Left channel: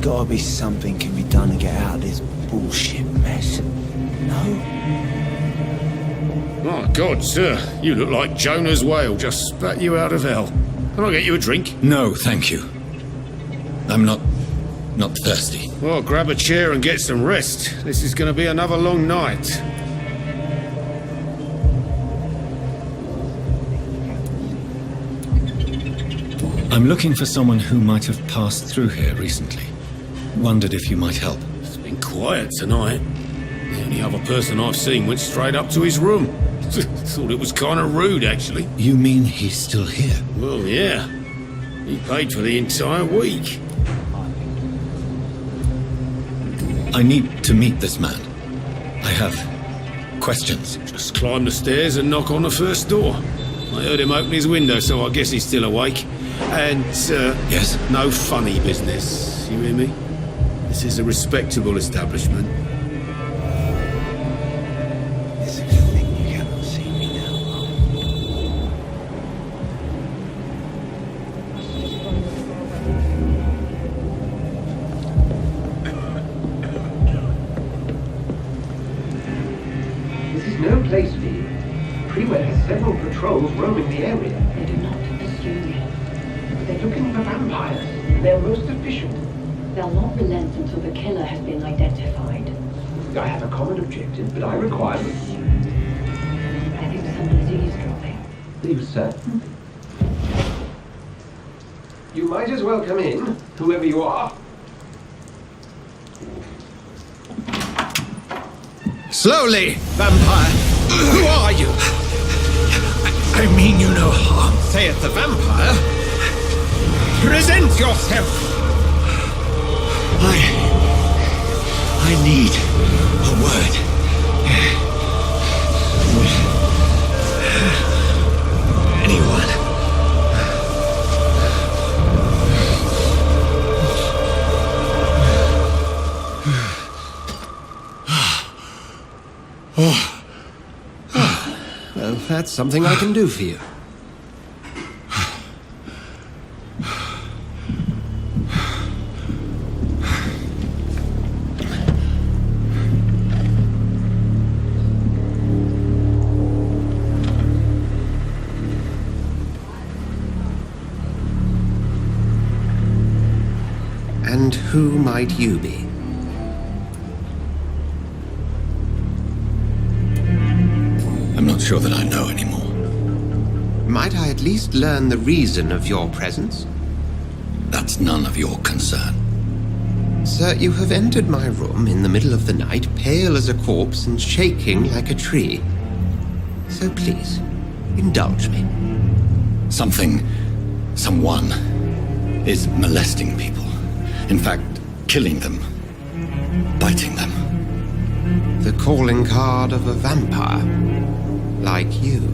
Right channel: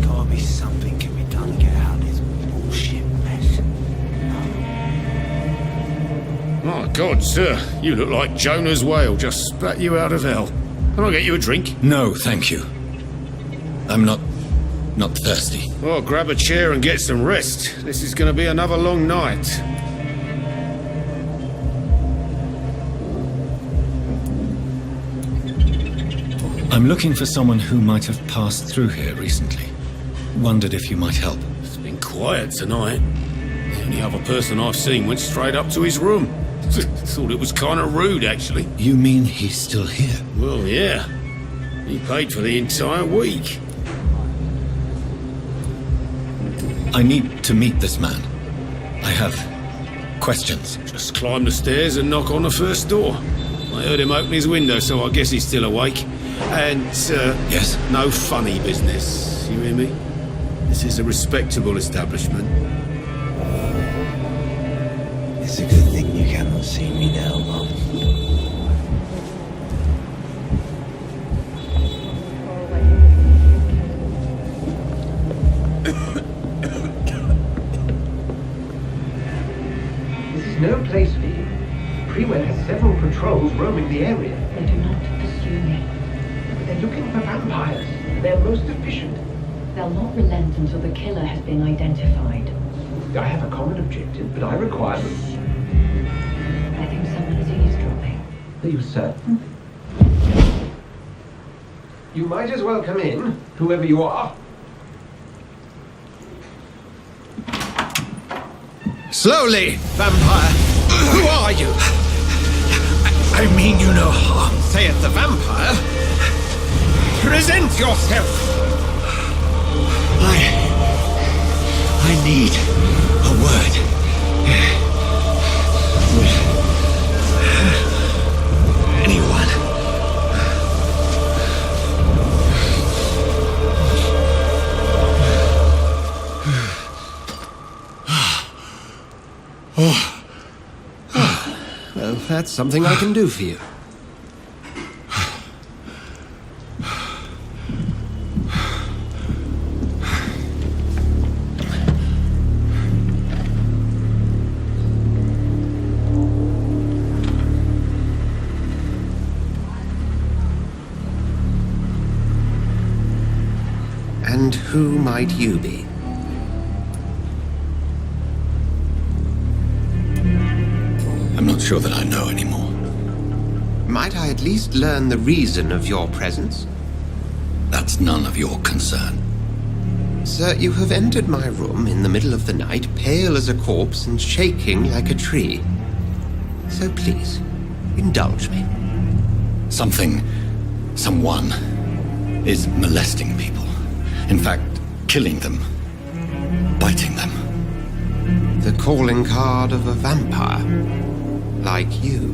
There's gotta be something can be done to get out of this bullshit mess. My God, sir, you look like Jonah's whale just spat you out of hell. Can I get you a drink? No, thank you. I'm not thirsty. Well, grab a chair and get some rest. This is gonna be another long night. I'm looking for someone who might have passed through here recently. Wondered if you might help. It's been quiet tonight. The only other person I've seen went straight up to his room. Thought it was kind of rude, actually. You mean he's still here? Well, yeah. He paid for the entire week. I need to meet this man. I have questions. Just climb the stairs and knock on the first door. I heard him open his window, so I guess he's still awake. And, Yes? no funny business. You hear me? This is a respectable establishment. It's a good thing you cannot see me now, Mum. This is no place for you. Prewell has several patrols roaming the area. They do not pursue me. They're looking for vampires. They're most efficient. They'll not relent until the killer has been identified. I have a common objective, but I require... I think someone is eavesdropping. Are you certain? You might as well come in, whoever you are. Slowly, vampire! Who are you? I mean you no harm. Saith the vampire. Present yourself! I need a word. With anyone. Well, that's something I can do for you. And who might you be? I'm not sure that I know anymore. Might I at least learn the reason of your presence? That's none of your concern. Sir, you have entered my room in the middle of the night, pale as a corpse and shaking like a tree. So please, indulge me. Someone is molesting people. In fact, killing them. Biting them. The calling card of a vampire. Like you.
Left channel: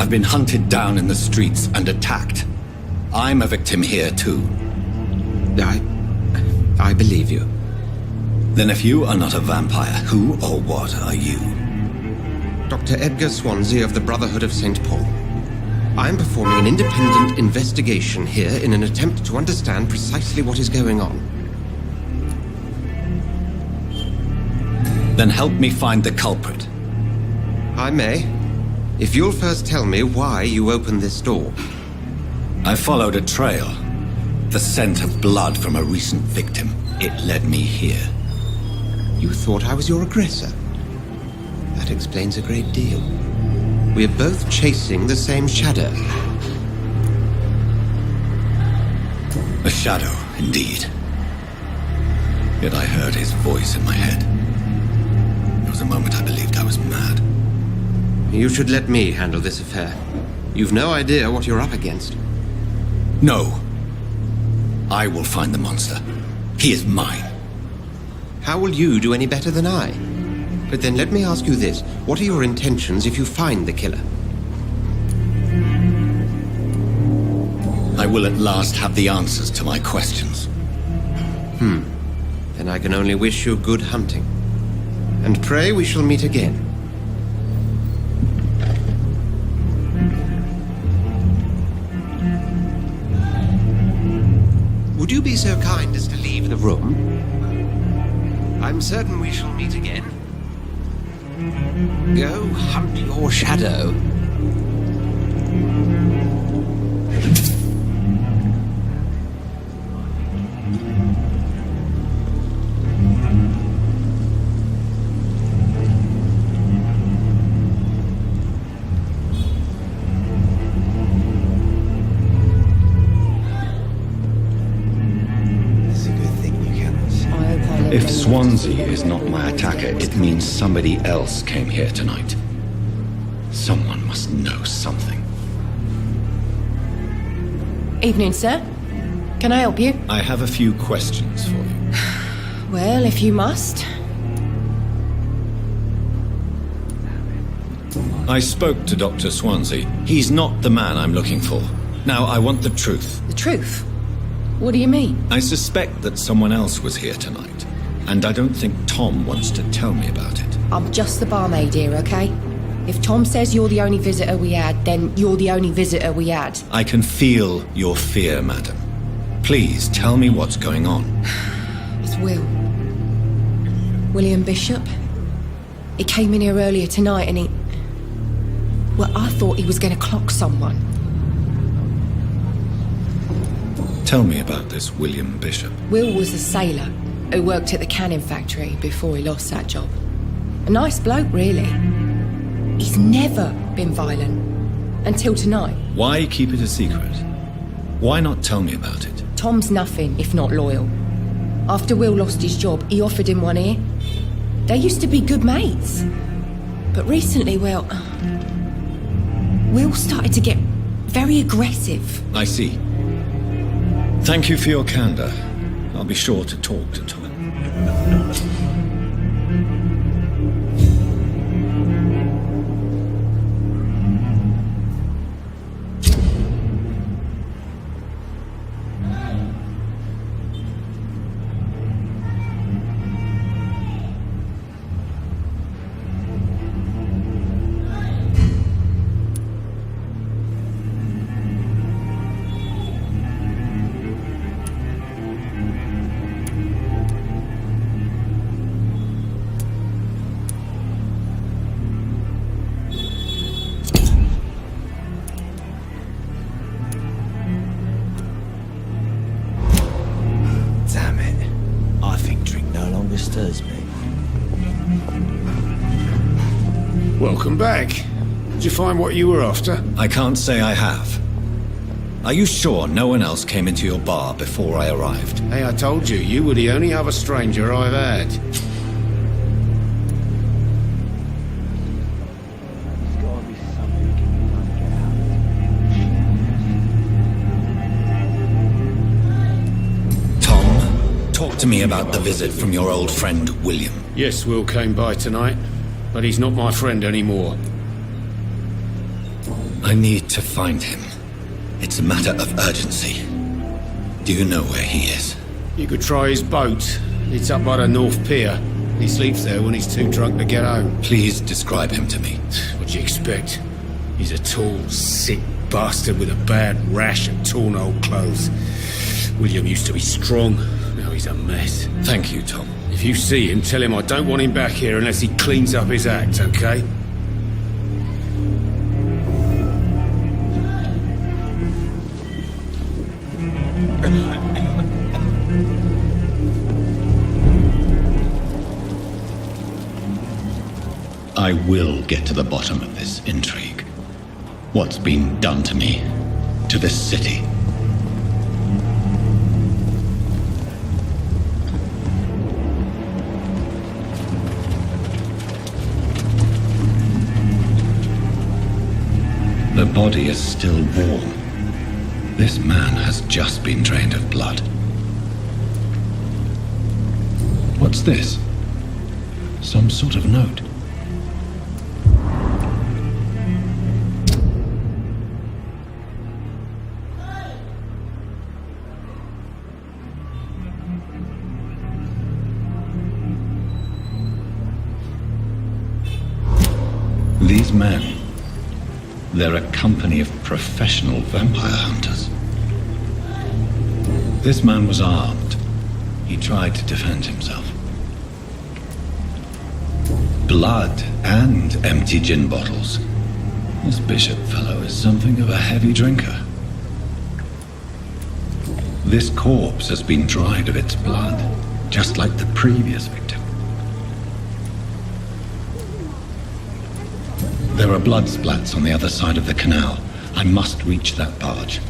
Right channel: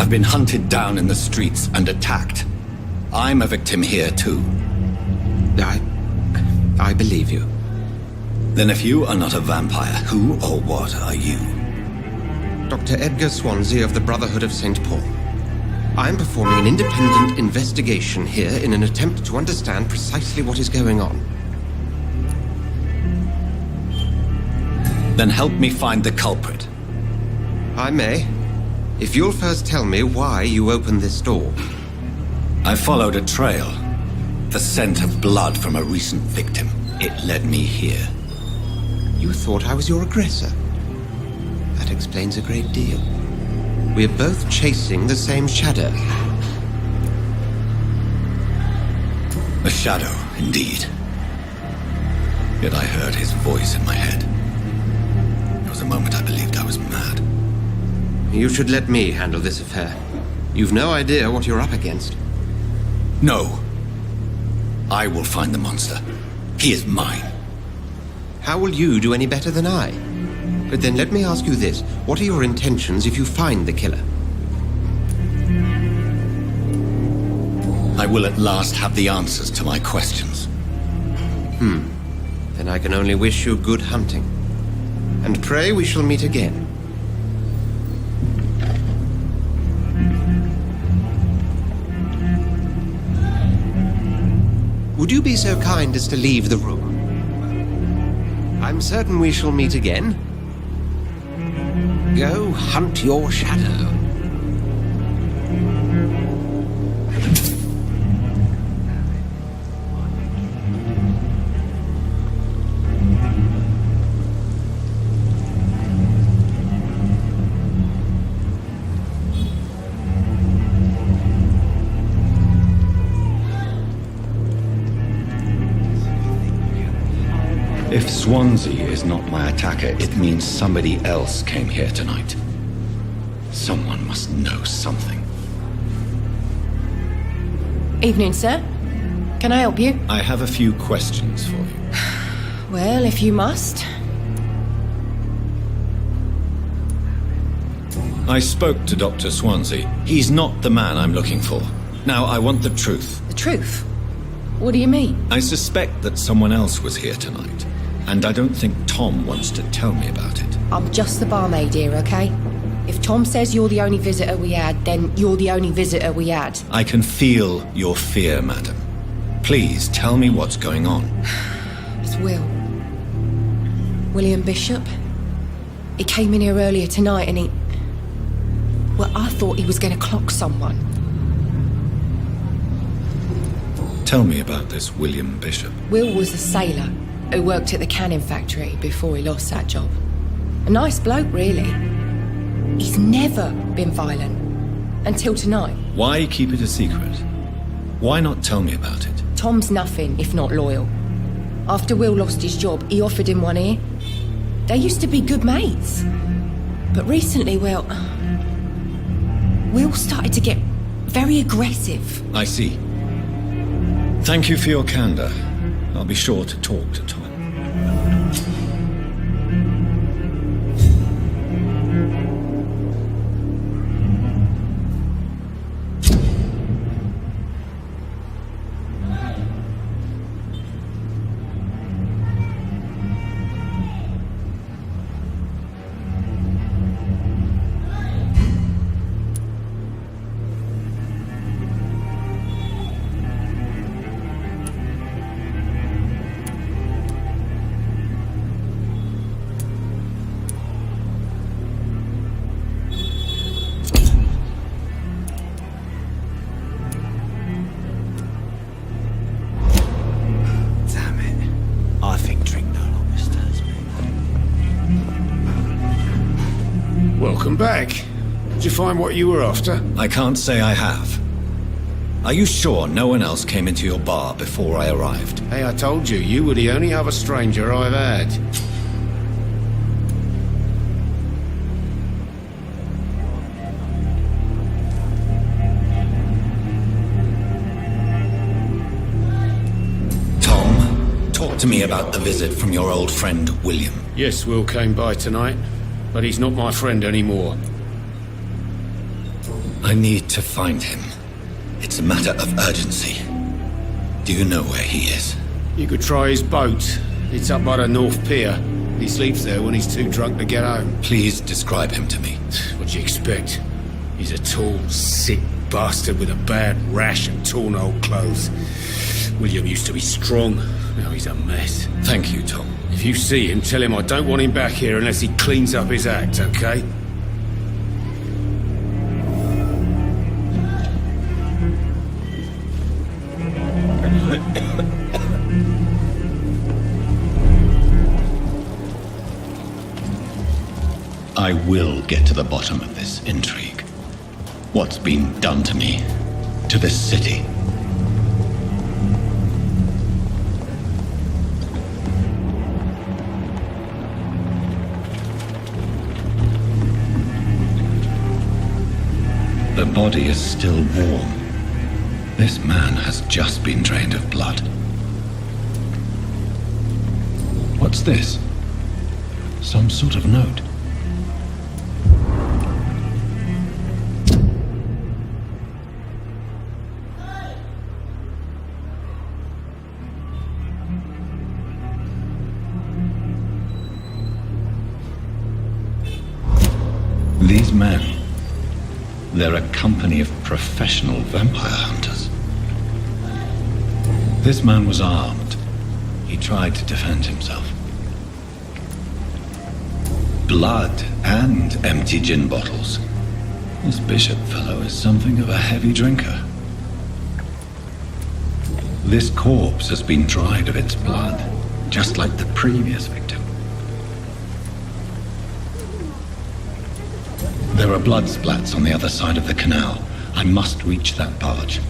I've been hunted down in the streets and attacked. I'm a victim here, too. I believe you. Then if you are not a vampire, who or what are you? Dr. Edgar Swansea of the Brotherhood of St. Paul. I'm performing an independent investigation here in an attempt to understand precisely what is going on. Then help me find the culprit. I may, if you'll first tell me why you opened this door. I followed a trail. The scent of blood from a recent victim. It led me here. You thought I was your aggressor. That explains a great deal. We're both chasing the same shadow. A shadow, indeed. Yet I heard his voice in my head. There was a moment I believed I was mad. You should let me handle this affair. You've no idea what you're up against. No. I will find the monster. He is mine. How will you do any better than I? But then let me ask you this. What are your intentions if you find the killer? I will at last have the answers to my questions. Then I can only wish you good hunting. And pray we shall meet again. Would you be so kind as to leave the room? I'm certain we shall meet again. Go hunt your shadow. If Swansea is not my attacker, it means somebody else came here tonight. Someone must know something. Evening, sir. Can I help you? I have a few questions for you. Well, if you must. I spoke to Dr. Swansea. He's not the man I'm looking for. Now, I want the truth. The truth? What do you mean? I suspect that someone else was here tonight, and I don't think Tom wants to tell me about it. I'm just the barmaid here, okay? If Tom says you're the only visitor we had, then you're the only visitor we had. I can feel your fear, madam. Please tell me what's going on. It's William Bishop. He came in here earlier tonight and well, I thought he was going to clock someone. Tell me about this William Bishop. Will was a sailor who worked at the canning factory before he lost that job. A nice bloke, really. He's never been violent. Until tonight. Why keep it a secret? Why not tell me about it? Tom's nothing if not loyal. After Will lost his job, he offered him one ear. They used to be good mates. But recently, well, Will started to get very aggressive. I see. Thank you for your candor. I'll be sure to talk to Tom. Damn it. I think drink no longer stirs me. Welcome back. Did you find what you were after? I can't say I have. Are you sure no one else came into your bar before I arrived? Hey, I told you, you were the only other stranger I've had. Talk to me about the visit from your old friend, William. Yes, Will came by tonight, but he's not my friend anymore. I need to find him. It's a matter of urgency. Do you know where he is? You could try his boat. It's up by the North Pier. He sleeps there when he's too drunk to get home. Please describe him to me. What do you expect? He's a tall, sick bastard with a bad rash and torn old clothes. William used to be strong. Now he's a mess. Thank you, Tom. If you see him, tell him I don't want him back here unless he cleans up his act, okay? I will get to the bottom of this intrigue. What's been done to me, to this city. The body is still warm. This man has just been drained of blood. What's this? Some sort of note. These men, they're a company of professional vampire hunters. This man was armed. He tried to defend himself. Blood and empty gin bottles. This bishop fellow is something of a heavy drinker. This corpse has been dried of its blood, just like the previous victim. There are blood splats on the other side of the canal. I must reach that barge.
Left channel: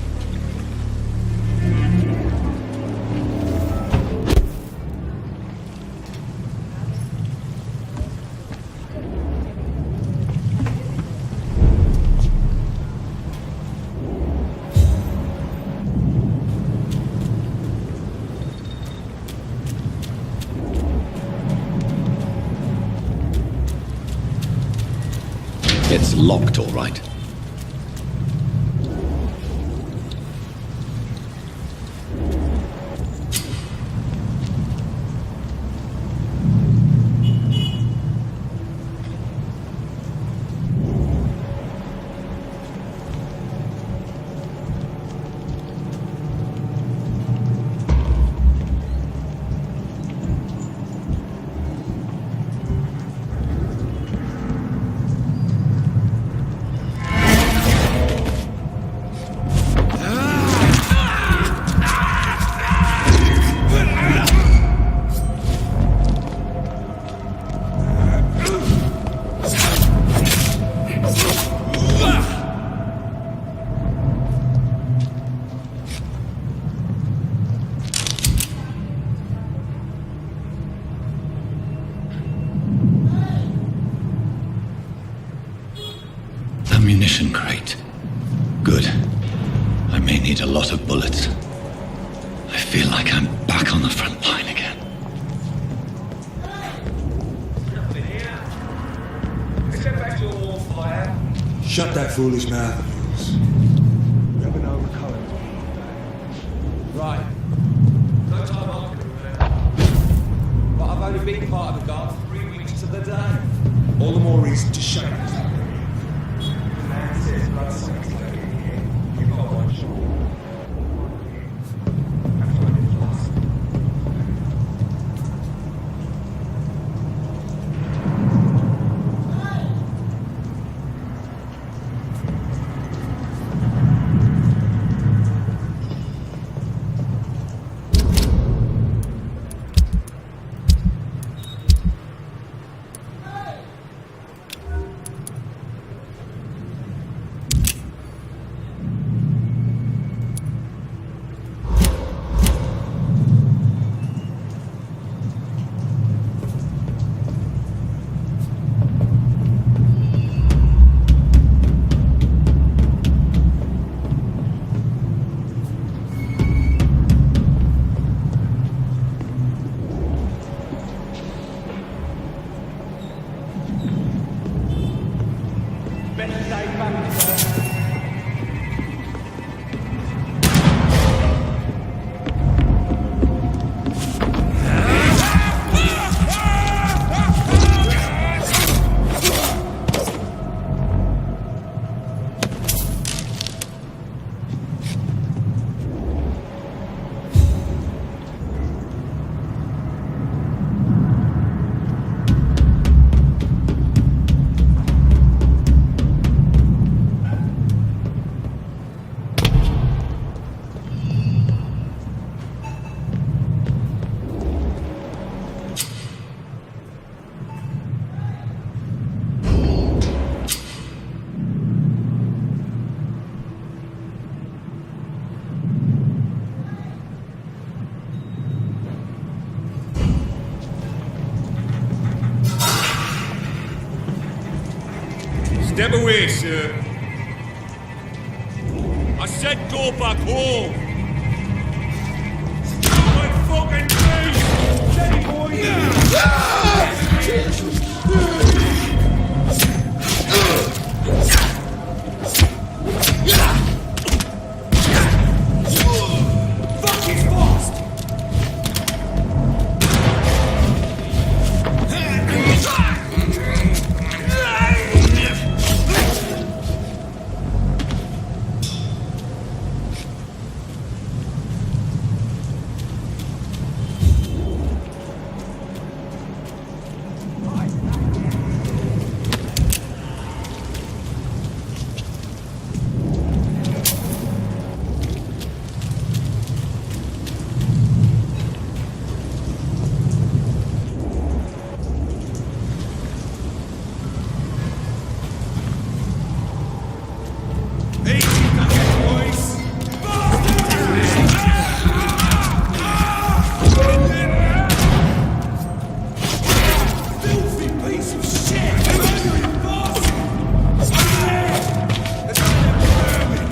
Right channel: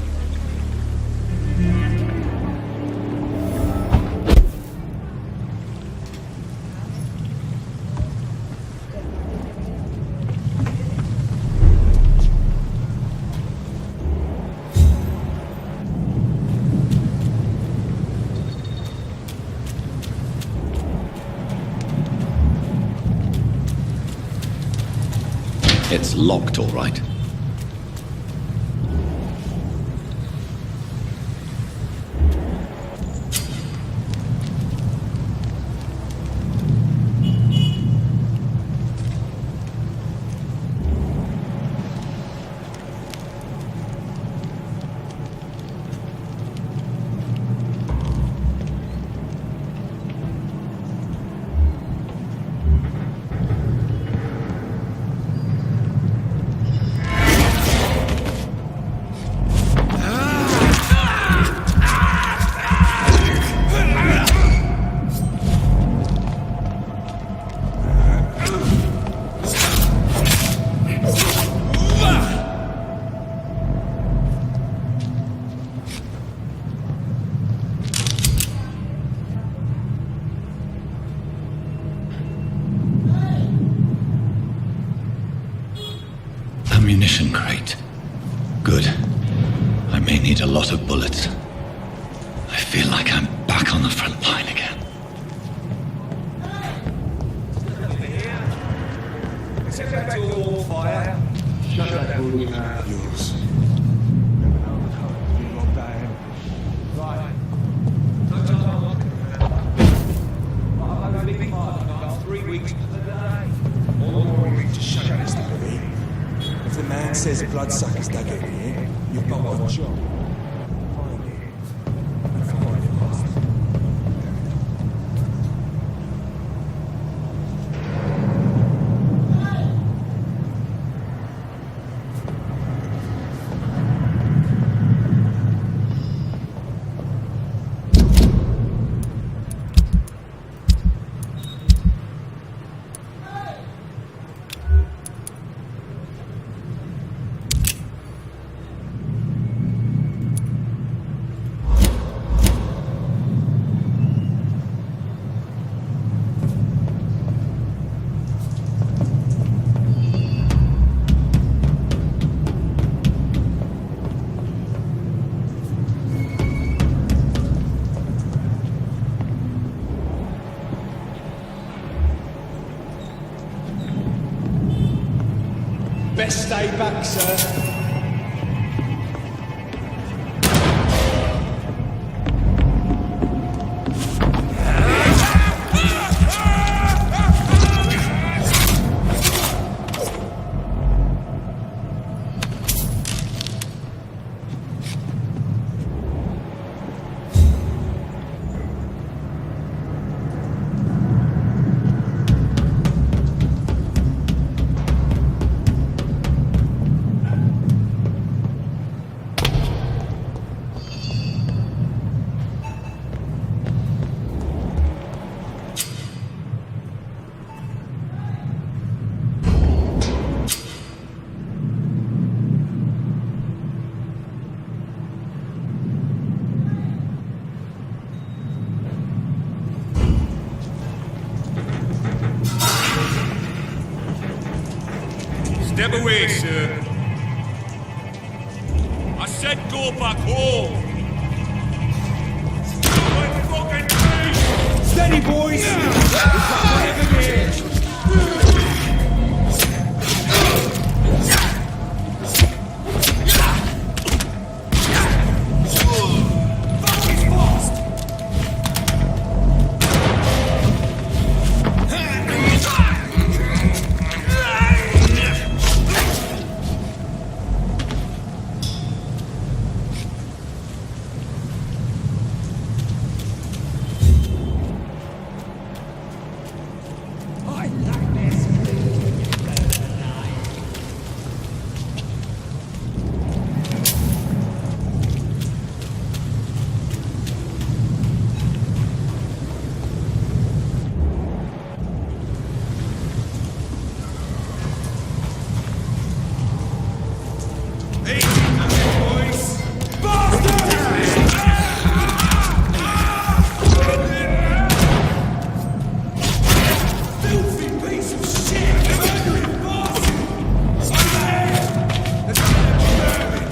It's locked, all right. Ammunition crate. Good. I may need a lot of bullets. I feel like I'm back on the front line again. Set back to a warm fire. Shut that foolish mouth of yours. We have an overcurrent to be locked out. Right. No time on. But I've only been part of the guard 3 weeks to the day. All the more reason to shut it, Mr. Reid. If the man says bloodsuckers don't get me in, you've got one shot. Best stay back, sir. Step away, sir. I said go back home. Stop my fucking face! Steady, Fuck, he's fast! Easy nothing, boys! Filthy piece of shit! Murdering bastard! Over there! There's one of them vermin!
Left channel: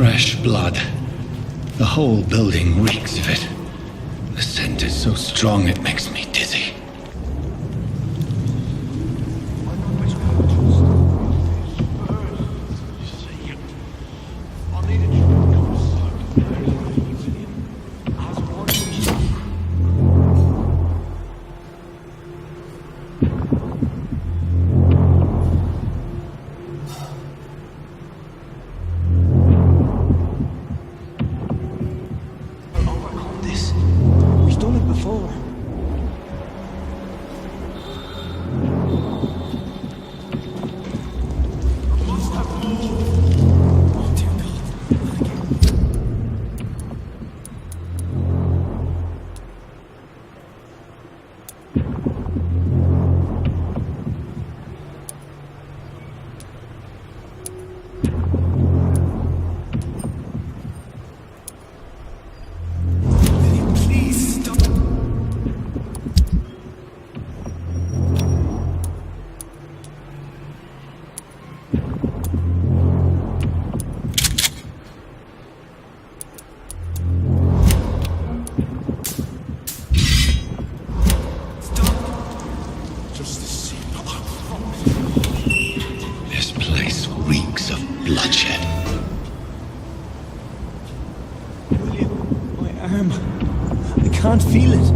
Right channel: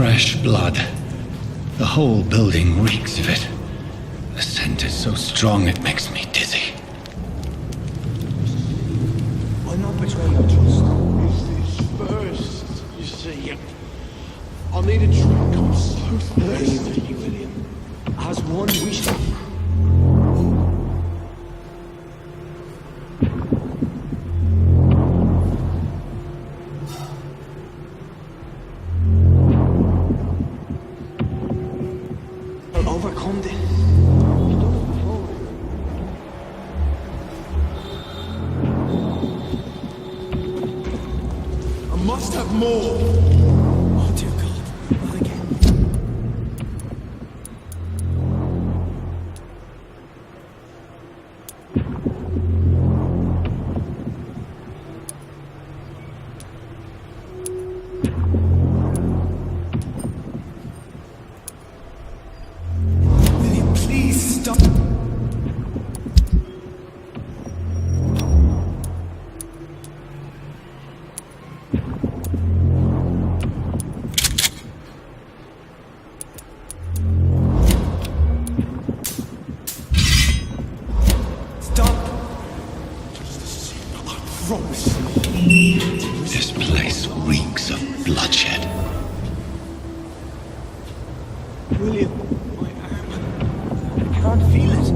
Fresh blood. The whole building reeks of it. The scent is so strong it makes me dizzy. I'll not betray your trust. First, you see, I'll need a drink. I'm so thirsty, William. As one wish. must have more. Oh, dear God. Not again. William, please stop. Stop! Just a sip, I promise. This place reeks of bloodshed. William, my arm. I can't feel it.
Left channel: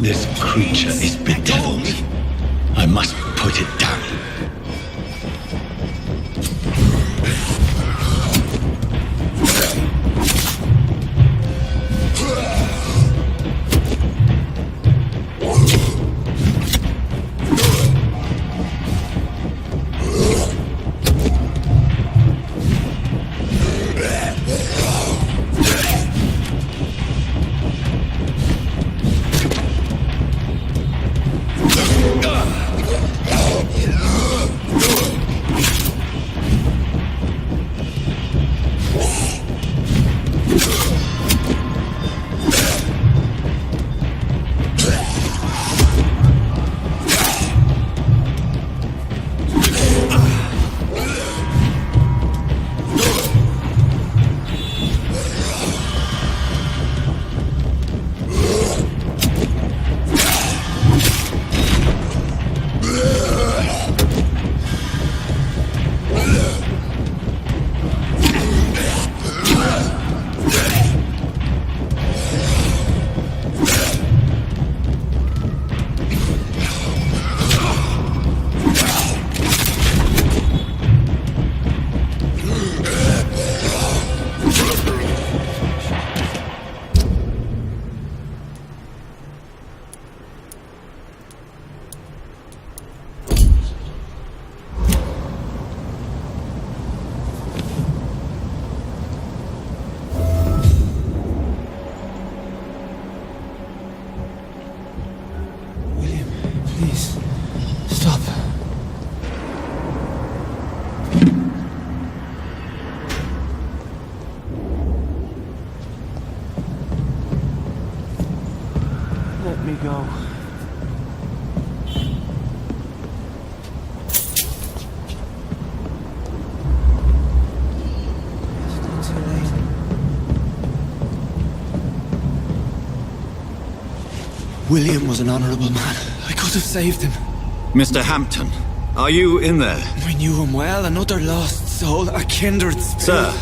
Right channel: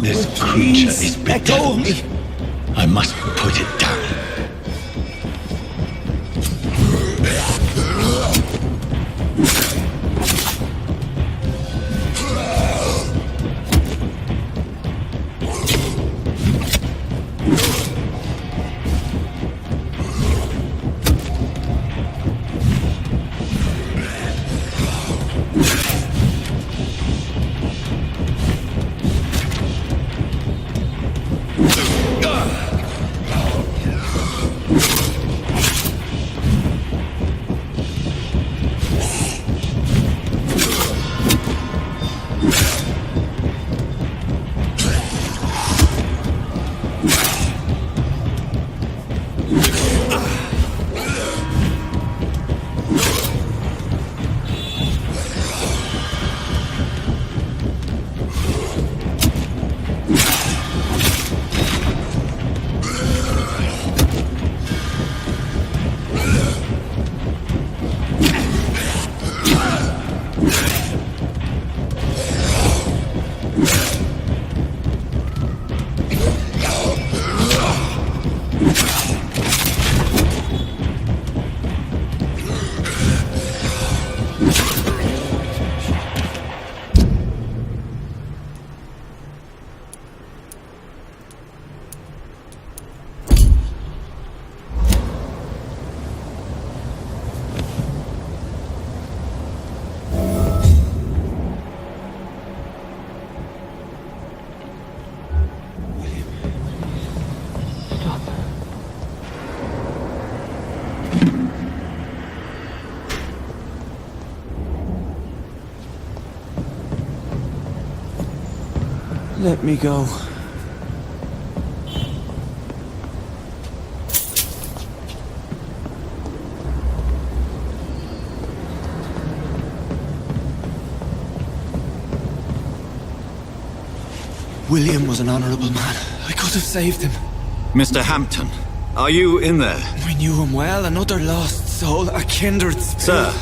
This Oh, creature please, is let go of bedeviled. me. I must put it down. William, please. Stop. Let me go. William was an honorable man. I could have saved him. Mr. Hampton, are you in there? I knew him well, another lost soul, a kindred spirit. Sir,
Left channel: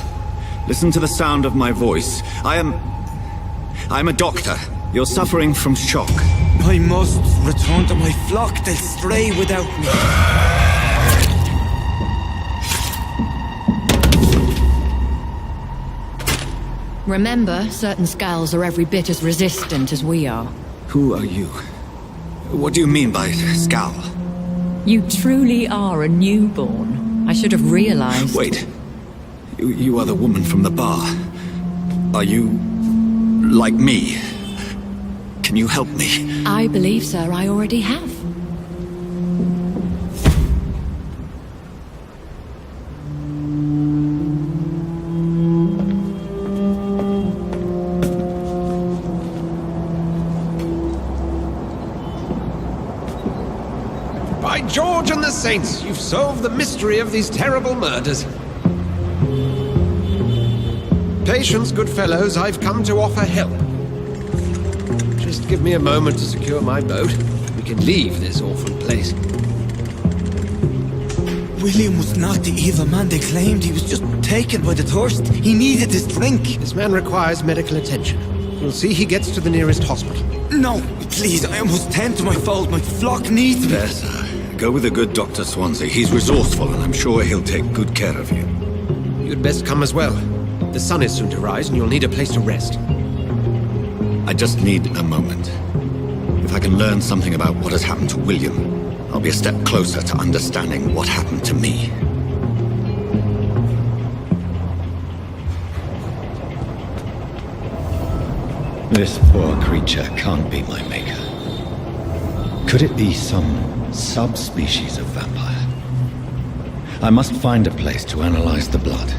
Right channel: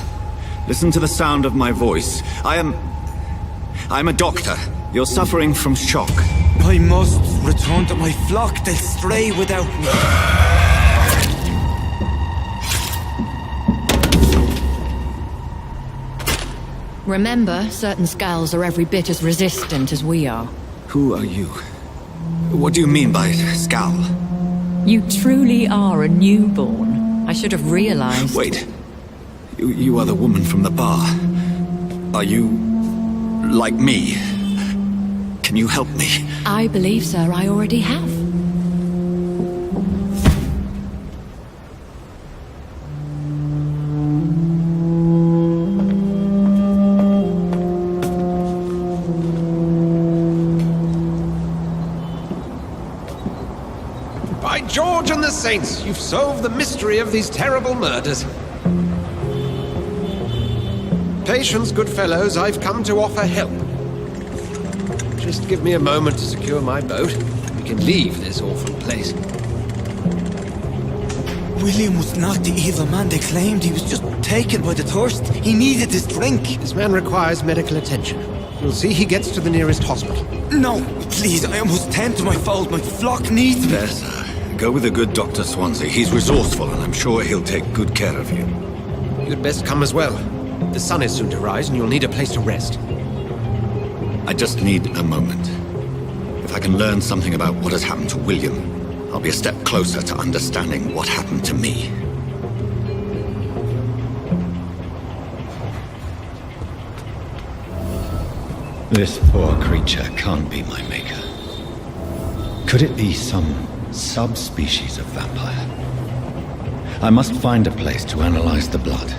listen to the sound of my voice. I'm a doctor. You're suffering from shock. I must return to my flock. They'll stray without me. Remember, certain skulls are every bit as resistant as we are. Who are you? What do you mean by scowl? You truly are a newborn. I should have realized. Wait. You are the woman from the bar. Are you like me? Can you help me? I believe, sir, I already have. By George and the Saints, you've solved the mystery of these terrible murders. Patience, good fellows, I've come to offer help. Just give me a moment to secure my boat. We can leave this awful place. William was not the evil man they claimed. He was just taken by the thirst. He needed this drink. This man requires medical attention. We'll see he gets to the nearest hospital. No, please, I must tend to my fold. My flock needs me. There, sir. Go with the good Dr. Swansea. He's resourceful, and I'm sure he'll take good care of you. You'd best come as well. The sun is soon to rise, and you'll need a place to rest. I just need a moment. If I can learn something about what has happened to William, I'll be a step closer to understanding what happened to me. This poor creature can't be my maker. Could it be some subspecies of vampire? I must find a place to analyze the blood.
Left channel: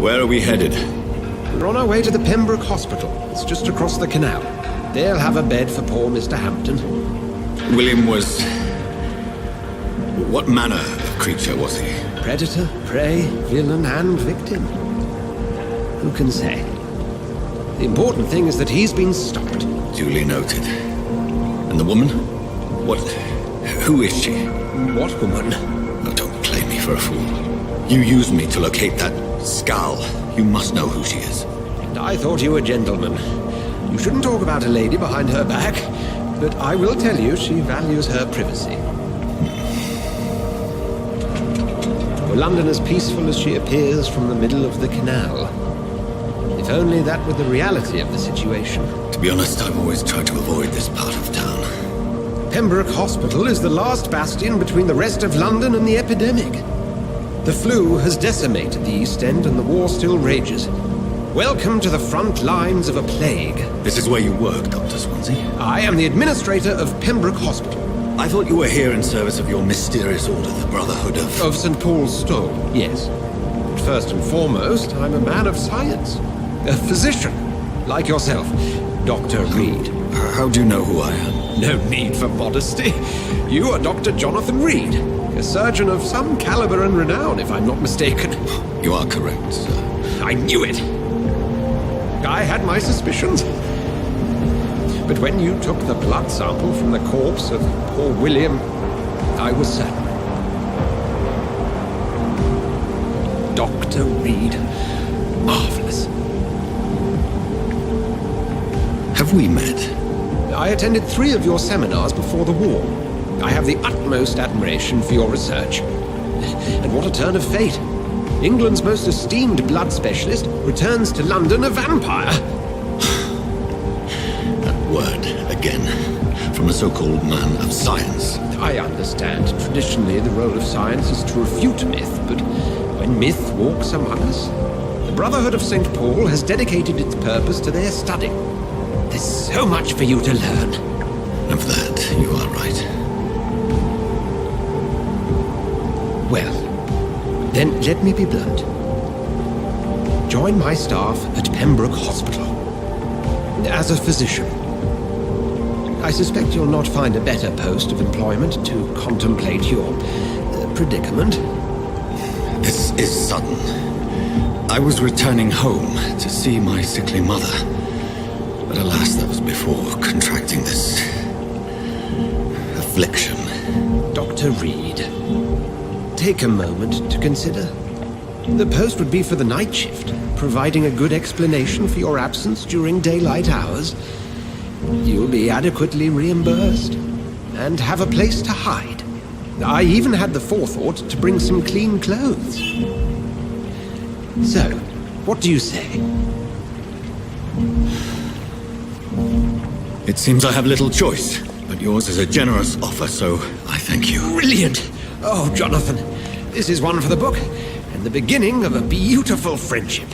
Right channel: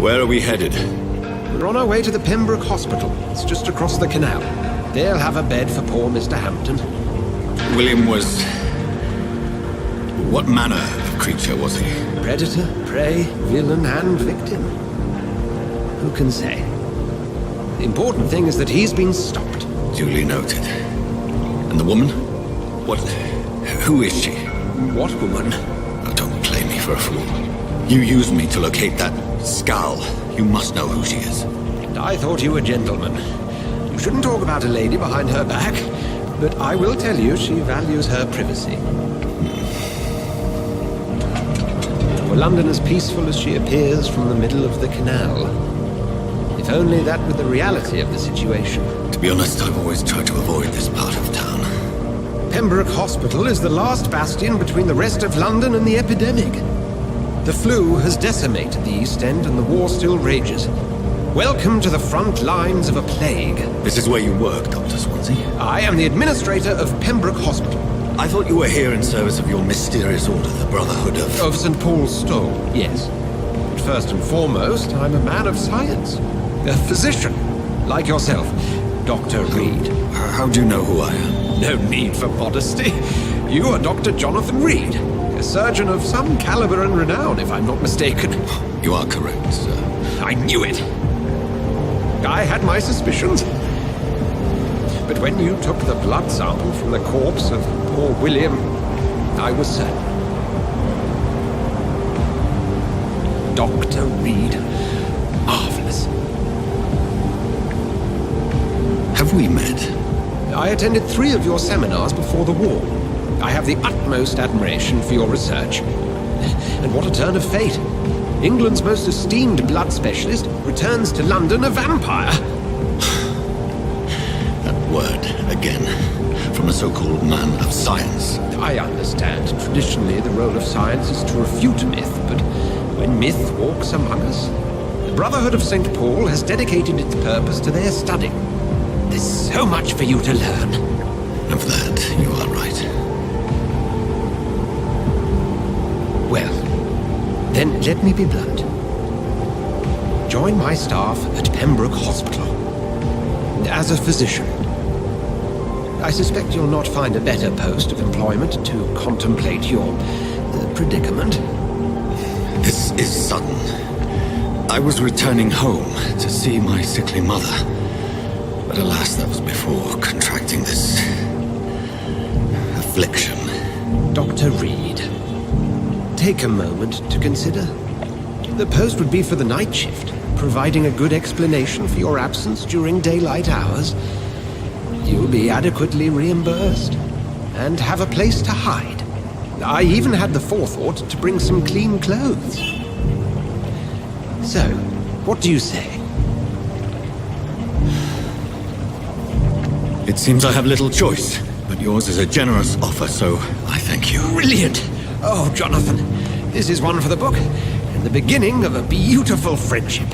Where are we headed? We're on our way to the Pembroke Hospital. It's just across the canal. They'll have a bed for poor Mr. Hampton. William was... What manner of creature was he? Predator, prey, villain, and victim. Who can say? The important thing is that he's been stopped. Duly noted. And the woman? What... Who is she? What woman? Oh, don't play me for a fool. You used me to locate that skull. You must know who she is. And I thought you a gentleman. You shouldn't talk about a lady behind her back, but I will tell you she values her privacy. Were London as peaceful as she appears from the middle of the canal? If only that were the reality of the situation. To be honest, I've always tried to avoid this part of town. Pembroke Hospital is the last bastion between the rest of London and the epidemic. The flu has decimated the East End and the war still rages. Welcome to the front lines of a plague. This is where you work, Dr. Swansea? I am the administrator of Pembroke Hospital. I thought you were here in service of your mysterious order, the Brotherhood of... Of St. Paul's Stole, yes. But first and foremost, I'm a man of science. A physician, like yourself, Dr. Reid. How do you know who I am? No need for modesty. You are Dr. Jonathan Reid, a surgeon of some caliber and renown, if I'm not mistaken. You are correct, sir. I knew it. I had my suspicions. But when you took the blood sample from the corpse of poor William, I was certain. Dr. Reid. Marvelous. Have we met? I attended 3 of your seminars before the war. I have the utmost admiration for your research. And what a turn of fate. England's most esteemed blood specialist returns to London a vampire. That word, again, from a so-called man of science. I understand. Traditionally, the role of science is to refute myth, but when myth walks among us, the Brotherhood of St. Paul has dedicated its purpose to their study. There's so much for you to learn. Of that, you are right. Well, then let me be blunt. Join my staff at Pembroke Hospital. As a physician. I suspect you'll not find a better post of employment to contemplate your predicament. This is sudden. I was returning home to see my sickly mother. But alas, that was before contracting this... affliction. Dr. Reid, take a moment to consider. The post would be for the night shift, providing a good explanation for your absence during daylight hours. You'll be adequately reimbursed, and have a place to hide. I even had the forethought to bring some clean clothes. So, what do you say? It seems I have little choice, but yours is a generous offer, so I thank you. Brilliant! Oh, Jonathan, this is one for the book, and the beginning of a beautiful friendship.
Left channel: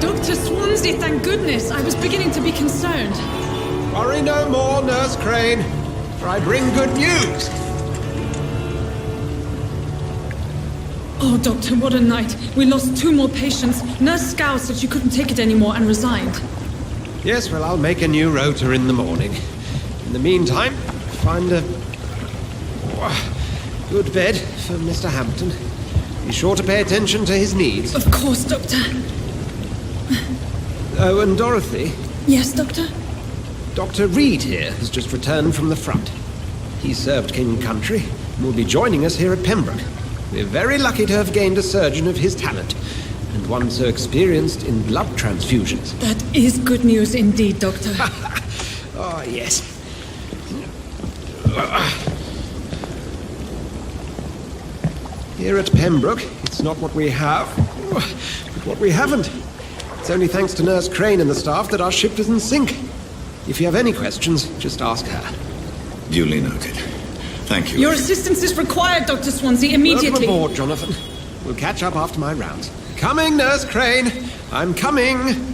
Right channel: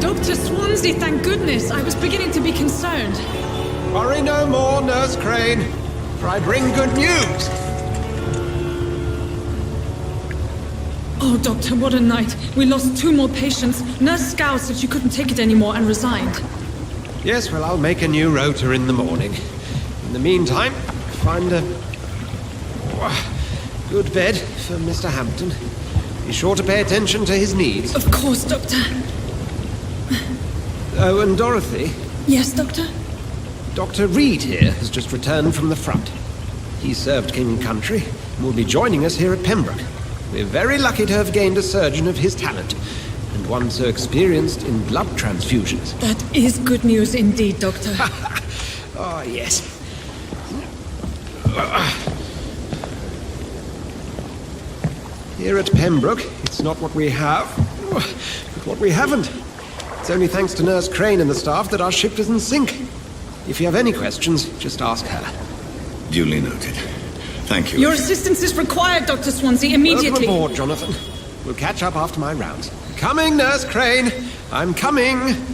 Dr. Swansea, thank goodness. I was beginning to be concerned. Worry no more, Nurse Crane. for I bring good news. Oh, Doctor, what a night. We lost 2 more patients. Nurse Scow said she couldn't take it anymore and resigned. Yes, well, I'll make a new rota in the morning. In the meantime, find a good bed for Mr. Hampton. Be sure to pay attention to his needs. Of course, Doctor. Oh, and Dorothy? Yes, Doctor? Dr. Reid here has just returned from the front. He served King and Country and will be joining us here at Pembroke. We're very lucky to have gained a surgeon of his talent, and one so experienced in blood transfusions. That is good news indeed, Doctor. Oh, yes. Here at Pembroke, it's not what we have, but what we haven't. It's only thanks to Nurse Crane and the staff that our ship doesn't sink. If you have any questions, just ask her. Duly noted. Thank you. Your assistance is required, Dr. Swansea, immediately. Welcome aboard, Jonathan. We'll catch up after my rounds. Coming, Nurse Crane. I'm coming.